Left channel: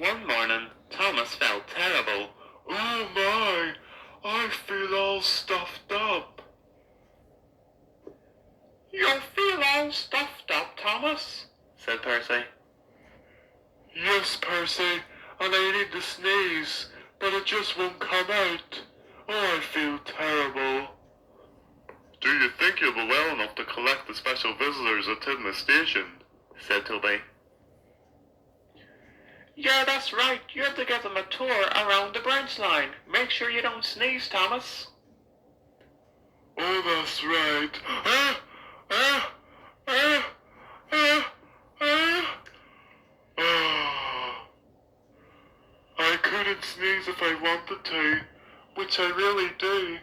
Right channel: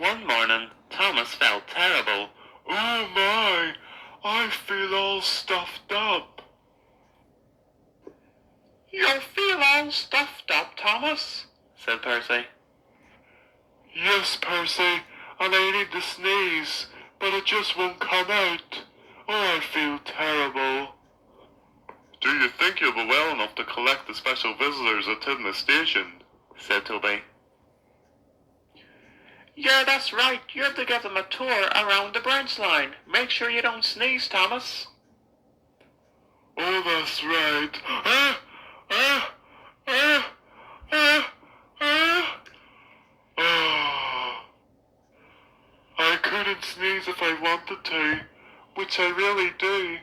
One morning, Thomas felt terrible. Oh my, I feel all stuffed up. You feel all stuffed up, Thomas? Said Percy. Yes, Percy, and I need to sneeze, but it just won't come out. Oh, I feel terrible. Do you think you'll be well enough to collect the special visitors attending the station? Said Toby. Yeah, that's right. You have to give them a tour around the branch line. Make sure you don't sneeze, Thomas. Oh, that's right. I couldn't sneeze if I wanted to, which I really do.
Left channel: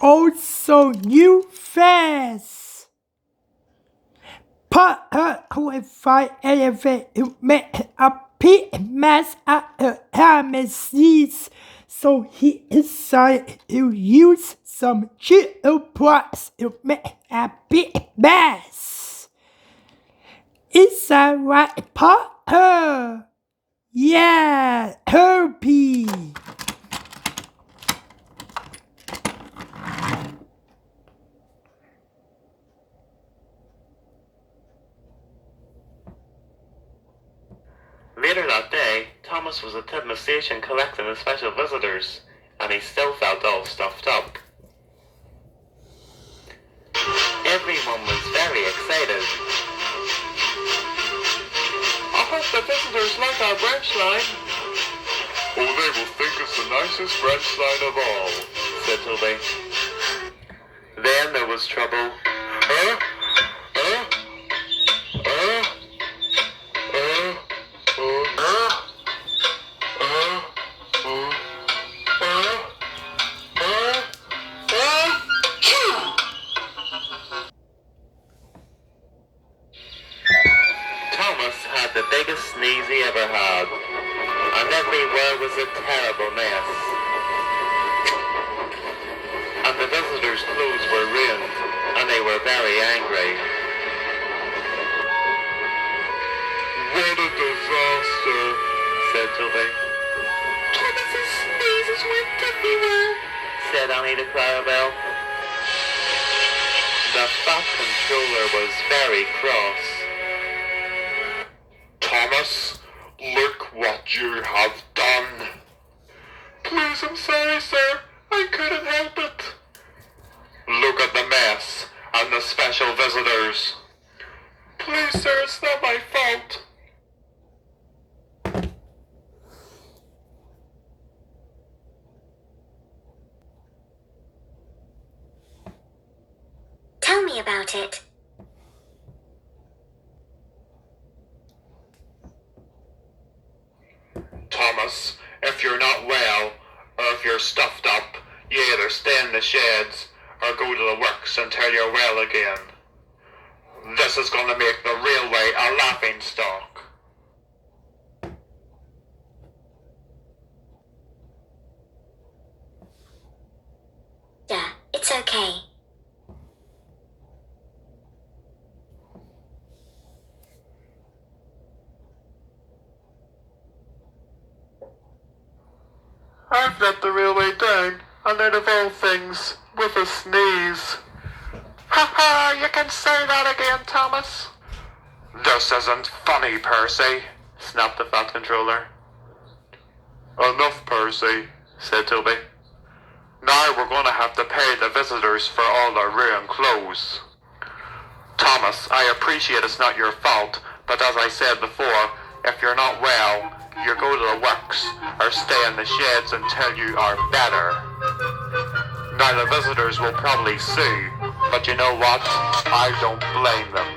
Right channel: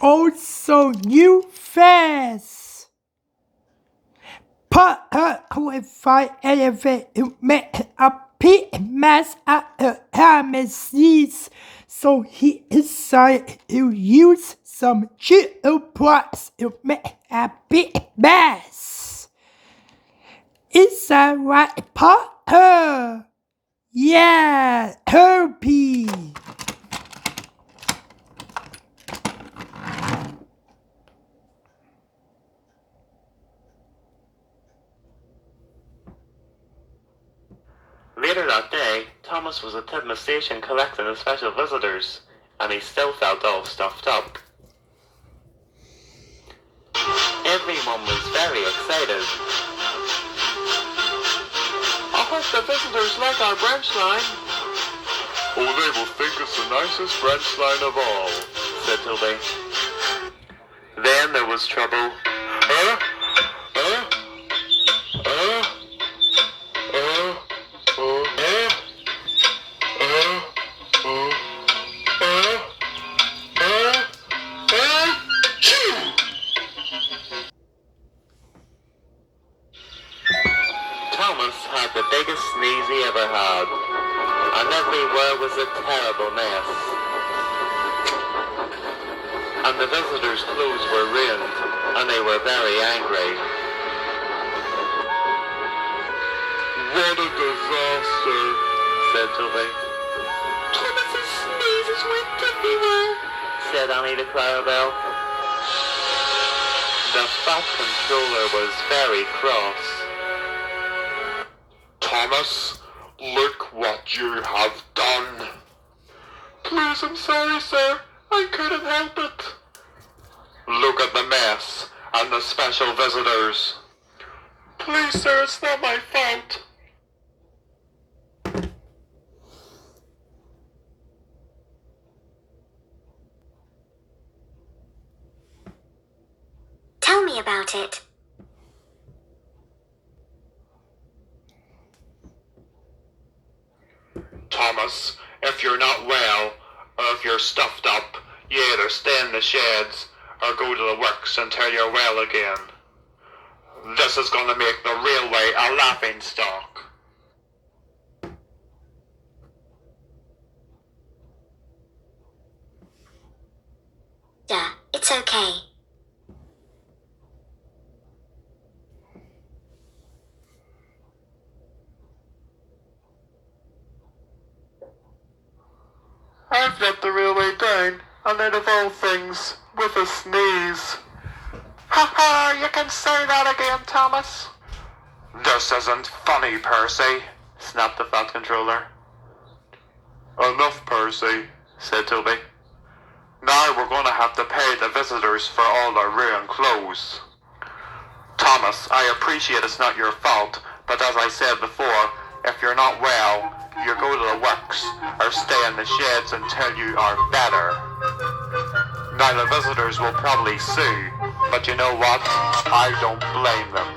Also, you fast. Put her qualified elevate to make a pit mass at the pharmacies, so he decided to use some chill parts to make a big mess. Is that right, Potter? Yeah, Herbie. Later that day, Thomas was at the station collecting the special visitors, and he still felt all stuffed up. Everyone was very excited. I hope the visitors like our branch line. Oh, they will think it's the nicest branch line of all, said Toby. Then there was trouble. Thomas had the biggest sneeze he ever had, and everywhere was a terrible mess. And the visitors' clothes were ruined, and they were very angry. What a disaster, said Toby. Thomas's sneezes went everywhere, said Annie the Clarabelle. The Fat Controller was very cross. Thomas, look what you have done. Please, I'm sorry, sir. I couldn't help it. Look at the mess and the special visitors. Please, sir, it's not my fault. Tell me about it. Thomas, if you're not well, or if you're stuffed up, you either stay in the sheds or go to the works until you're well again. This is going to make the railway a laughing stock. Yeah, it's okay. I've let the railway down, and out of all things, with a sneeze. Ha ha, you can say that again, Thomas. This isn't funny, Percy, snapped the Fat Controller. Enough, Percy, said Toby. Now we're going to have to pay the visitors for all their ruined clothes. Thomas, I appreciate it's not your fault, but as I said before, if you're not well, you go to the works or stay in the sheds until you are better. Now the visitors will probably sue, but you know what? I don't blame them.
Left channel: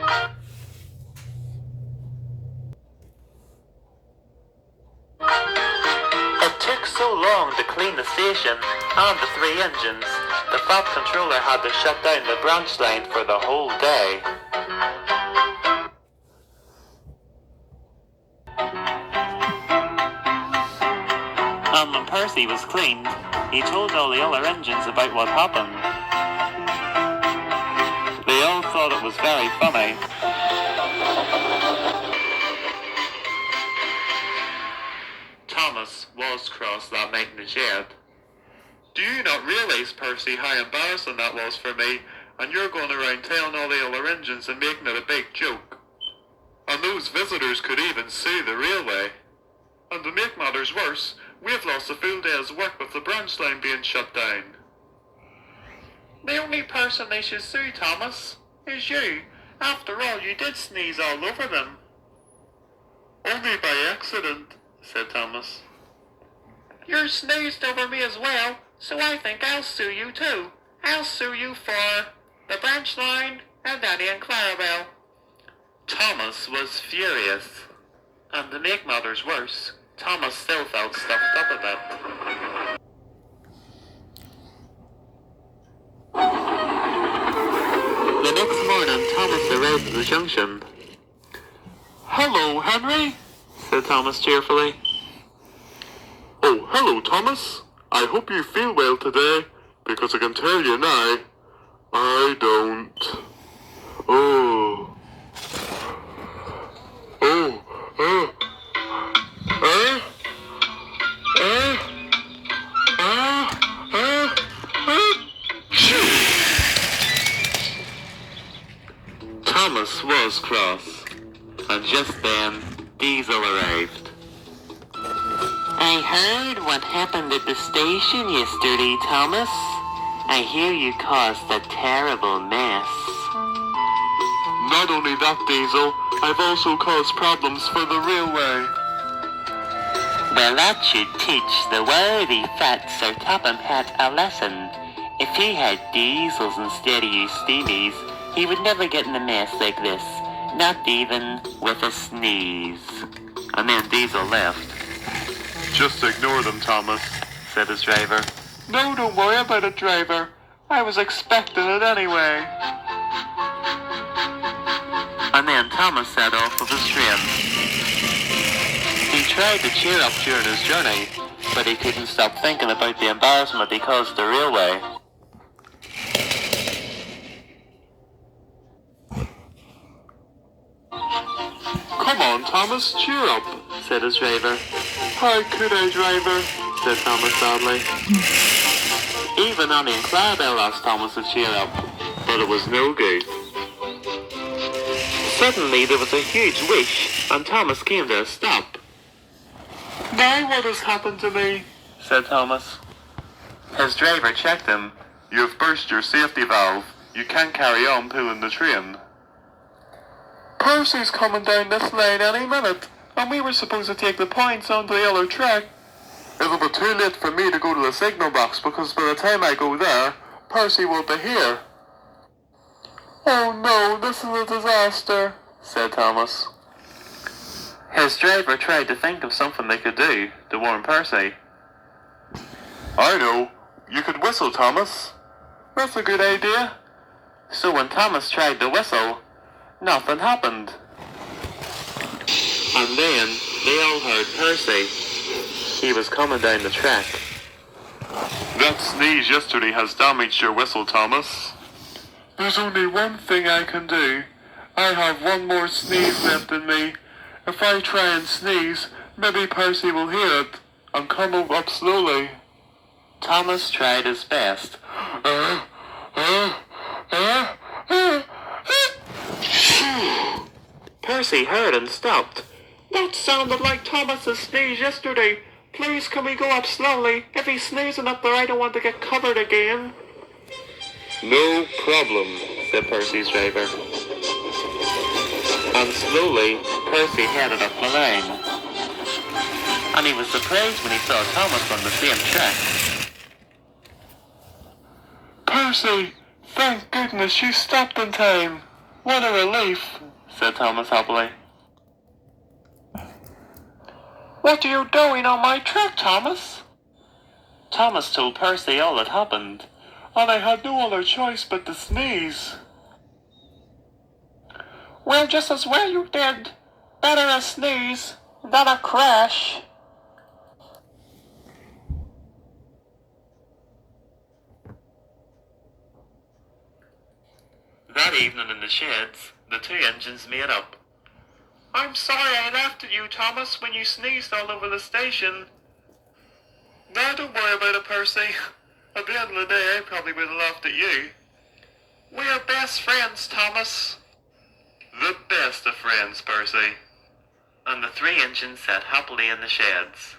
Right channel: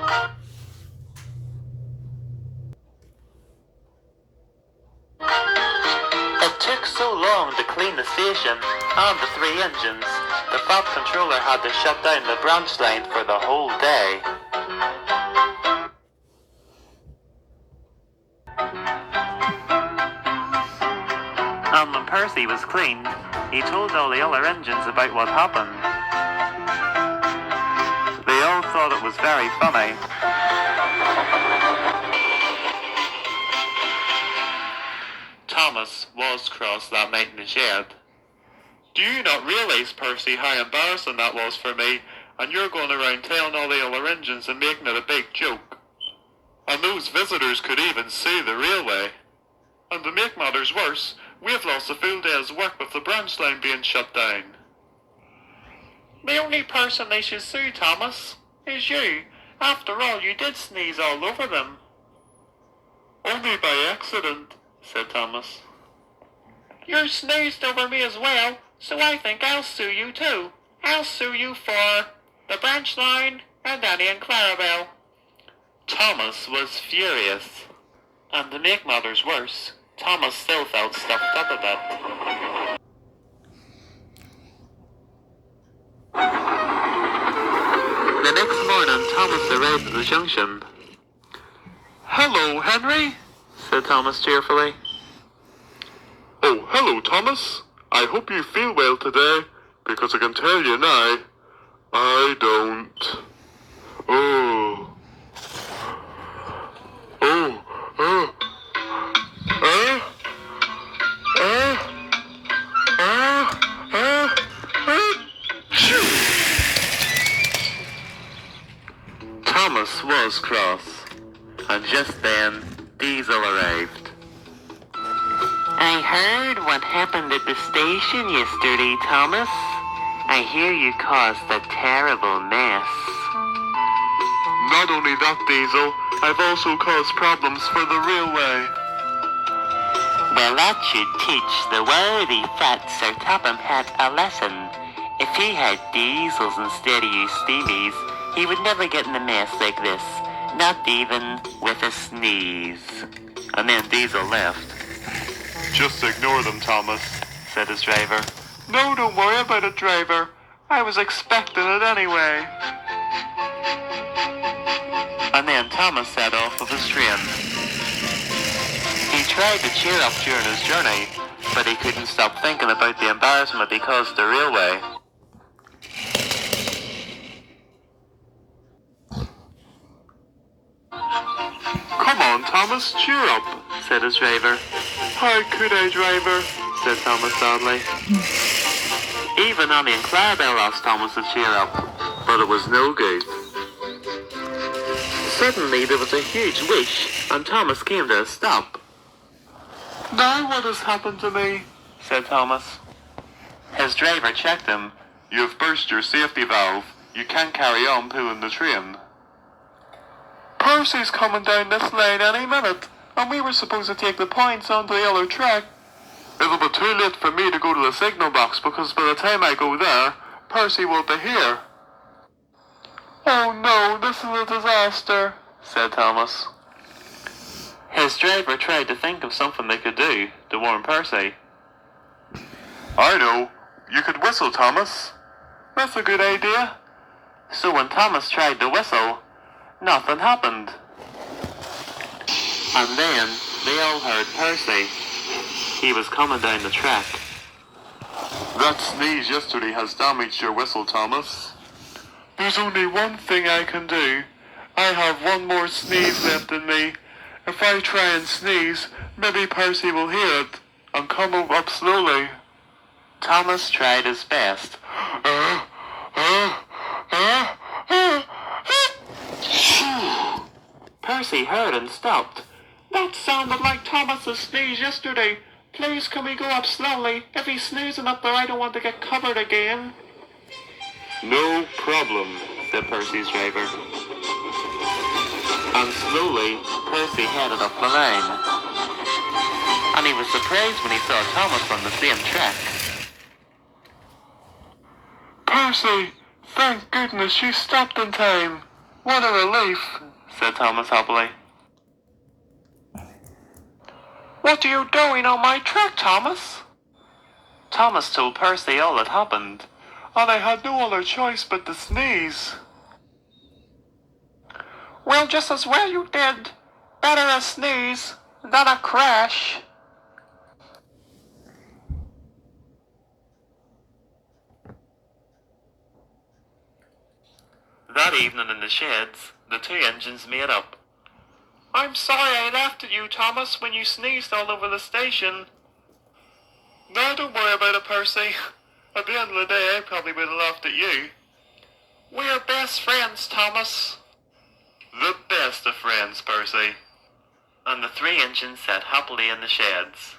It took so long to clean the station and the 3 engines, the Fat Controller had to shut down the branch line for the whole day. And when Percy was cleaned, he told all the other engines about what happened. They all thought it was very funny. was cross that night in the shed. Do you not realize, Percy, how embarrassing that was for me, and you're going around telling all the other engines and making it a big joke? And those visitors could even sue the railway. And to make matters worse, we've lost a full day's work with the branch line being shut down. The only person they should sue, Thomas, is you. After all, you did sneeze all over them. Only by accident, said Thomas. You sneezed over me as well, so I think I'll sue you too. I'll sue you for the branch line and Danny and Clarabelle. Thomas was furious. And to make matters worse, Thomas still felt stuffed up a bit. The next morning, Thomas arrived at the junction. Hello, Henry, said Thomas cheerfully. Oh, hello, Thomas. I hope you feel well today, because I can tell you now, I don't. Oh. Oh. Oh. Thomas was cross, and just then, Diesel arrived. I heard what happened at the station yesterday, Thomas. I hear you caused a terrible mess. Not only that, Diesel, I've also caused problems for the railway. Well, that should teach the worthy fat Sir Topham Hatt a lesson. If he had Diesels instead of you steamies, he would never get in a mess like this, not even with a sneeze. And then Diesel left. Just ignore them, Thomas, said his driver. No, don't worry about it, driver. I was expecting it anyway. And then Thomas set off with his train. He tried to cheer up during his journey, but he couldn't stop thinking about the embarrassment he caused the railway. Come on, Thomas, cheer up, said his driver. How could I, driver? Said Thomas sadly. Even Annie and Clarabelle asked Thomas to cheer up, but it was no good. Suddenly there was a huge whoosh, and Thomas came to a stop. Now what has happened to me? Said Thomas. His driver checked him. You've burst your safety valve. You can't carry on pulling the train. Percy's coming down this lane any minute, and we were supposed to take the points onto the other track. It'll be too late for me to go to the signal box, because by the time I go there, Percy will be here. Oh no, this is a disaster, said Thomas. His driver tried to think of something they could do to warn Percy. I know. You could whistle, Thomas. That's a good idea. So when Thomas tried to whistle, nothing happened. And then they all heard Percy. He was coming down the track. That sneeze yesterday has damaged your whistle, Thomas. There's only one thing I can do. I have one more sneeze left in me. If I try and sneeze, maybe Percy will hear it and come up slowly. Thomas tried his best. Percy heard and stopped. That sounded like Thomas's sneeze yesterday. Please, can we go up slowly? If he's sneezing up there, I don't want to get covered again. No problem, said Percy's driver. And slowly, Percy headed up the line. And he was surprised when he saw Thomas on the same track. Percy, thank goodness you stopped in time. What a relief, said Thomas happily. What are you doing on my track, Thomas? Thomas told Percy all that happened, and I had no other choice but to sneeze. Well, just as well you did. Better a sneeze than a crash. That evening in the sheds, the two engines made up. I'm sorry I laughed at you, Thomas, when you sneezed all over the station. No, don't worry about it, Percy. At the end of the day, I probably would have laughed at you. We're best friends, Thomas. The best of friends, Percy. And the three engines sat happily in the sheds.